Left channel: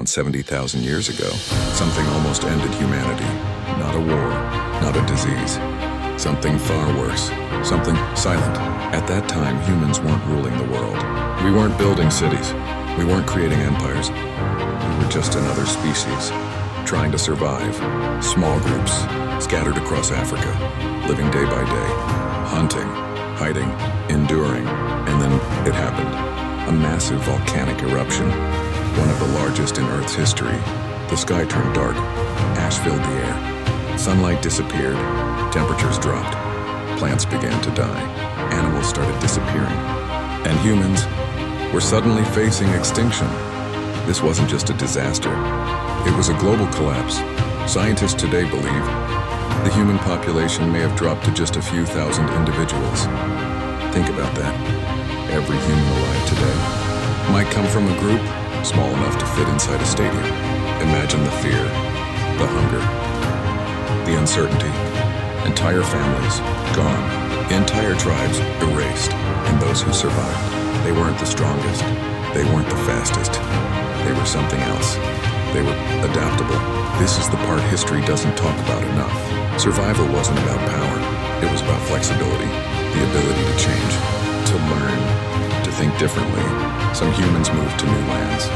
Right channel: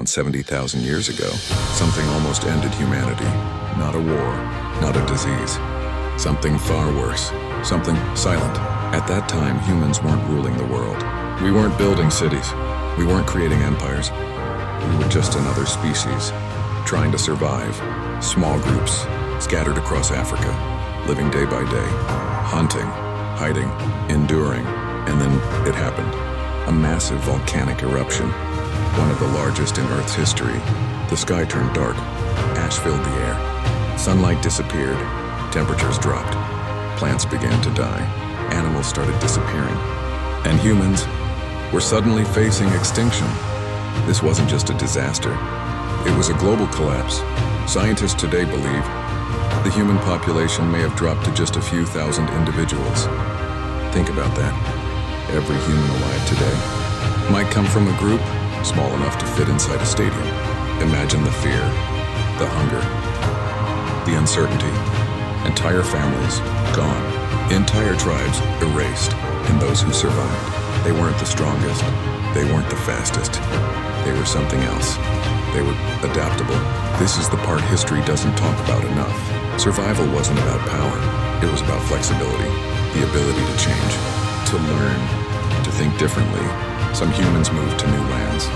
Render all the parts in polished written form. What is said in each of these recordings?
around 70,000 years ago, something almost ended humanity. Not a war, not a disease. Something far worse, something silent. At that time, humans weren't ruling the world. We weren't building cities. We weren't creating empires. We were just another species, trying to survive. Small groups, scattered across Africa, living day by day, hunting, hiding, enduring, and then it happened. A massive volcanic eruption, one of the largest in Earth's history. The sky turned dark, ash filled the air. Sunlight disappeared, temperatures dropped, plants began to die, animals started disappearing, and humans were suddenly facing extinction. This wasn't just a disaster, it was a global collapse. Scientists today believe the human population may have dropped to just a few thousand individuals. Think about that. Every human alive today might come from a group small enough to fit inside a stadium. Imagine the fear, the hunger, the uncertainty. Entire families gone, entire tribes erased, and those who survived, they weren't the strongest, they weren't the fastest, they were something else. They were adaptable. This is the part history doesn't talk about enough. Survival wasn't about power, it was about flexibility, the ability to change, to learn, to think differently. Some humans moved to new lands.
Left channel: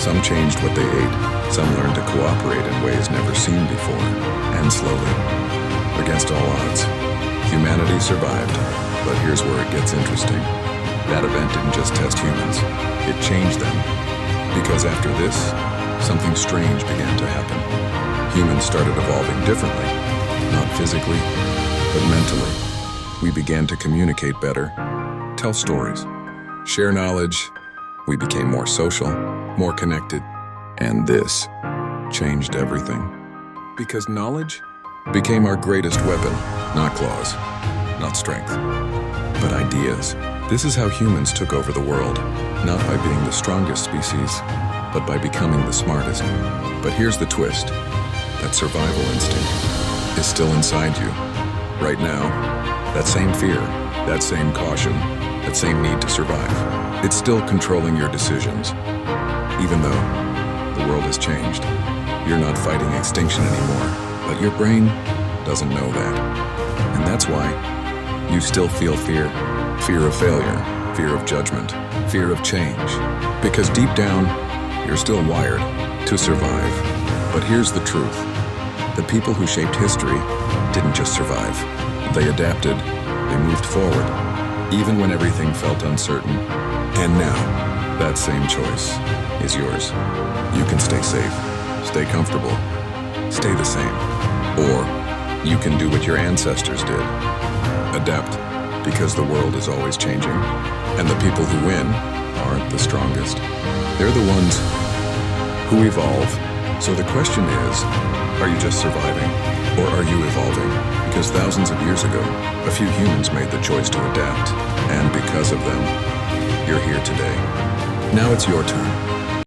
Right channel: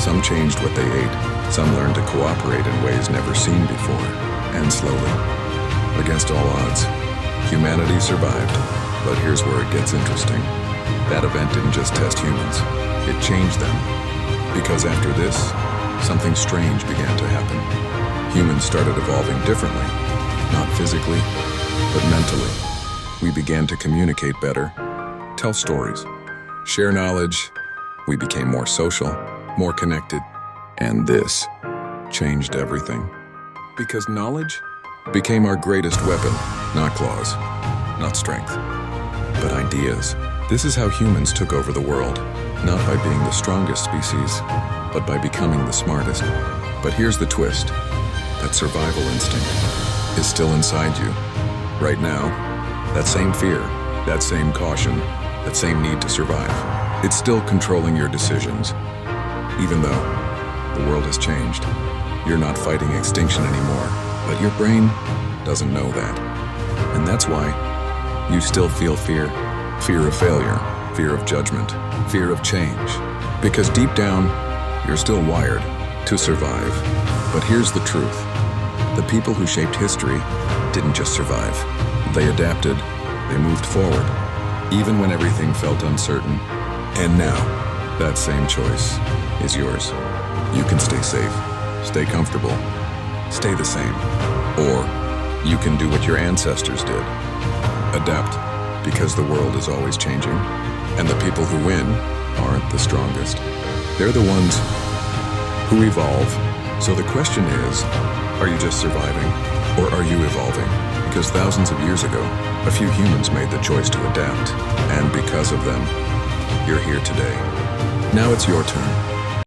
Some changed what they ate. Some learned to cooperate in ways never seen before. And slowly, against all odds, humanity survived. But here's where it gets interesting. That event didn't just test humans, it changed them. Because after this, something strange began to happen. Humans started evolving differently, not physically, but mentally. We began to communicate better, tell stories, share knowledge. We became more social, more connected, and this changed everything. Because knowledge became our greatest weapon, not claws, not strength, but ideas. This is how humans took over the world, not by being the strongest species, but by becoming the smartest. But here's the twist. That survival instinct is still inside you. Right now, that same fear, that same caution, that same need to survive, it's still controlling your decisions. Even though the world has changed, you're not fighting extinction anymore, but your brain doesn't know that. And that's why you still feel fear. Fear of failure, fear of judgment, fear of change. Because deep down, you're still wired to survive. But here's the truth. The people who shaped history didn't just survive. They adapted, they moved forward, even when everything felt uncertain. And now, that same choice is yours. You can stay safe, stay comfortable, stay the same. Or you can do what your ancestors did. Adapt, because the world is always changing. And the people who win aren't the strongest. They're the ones who evolve. So the question is, are you just surviving, or are you evolving? Because thousands of years ago, a few humans made the choice to adapt. And because of them, you're here today. Now it's your turn.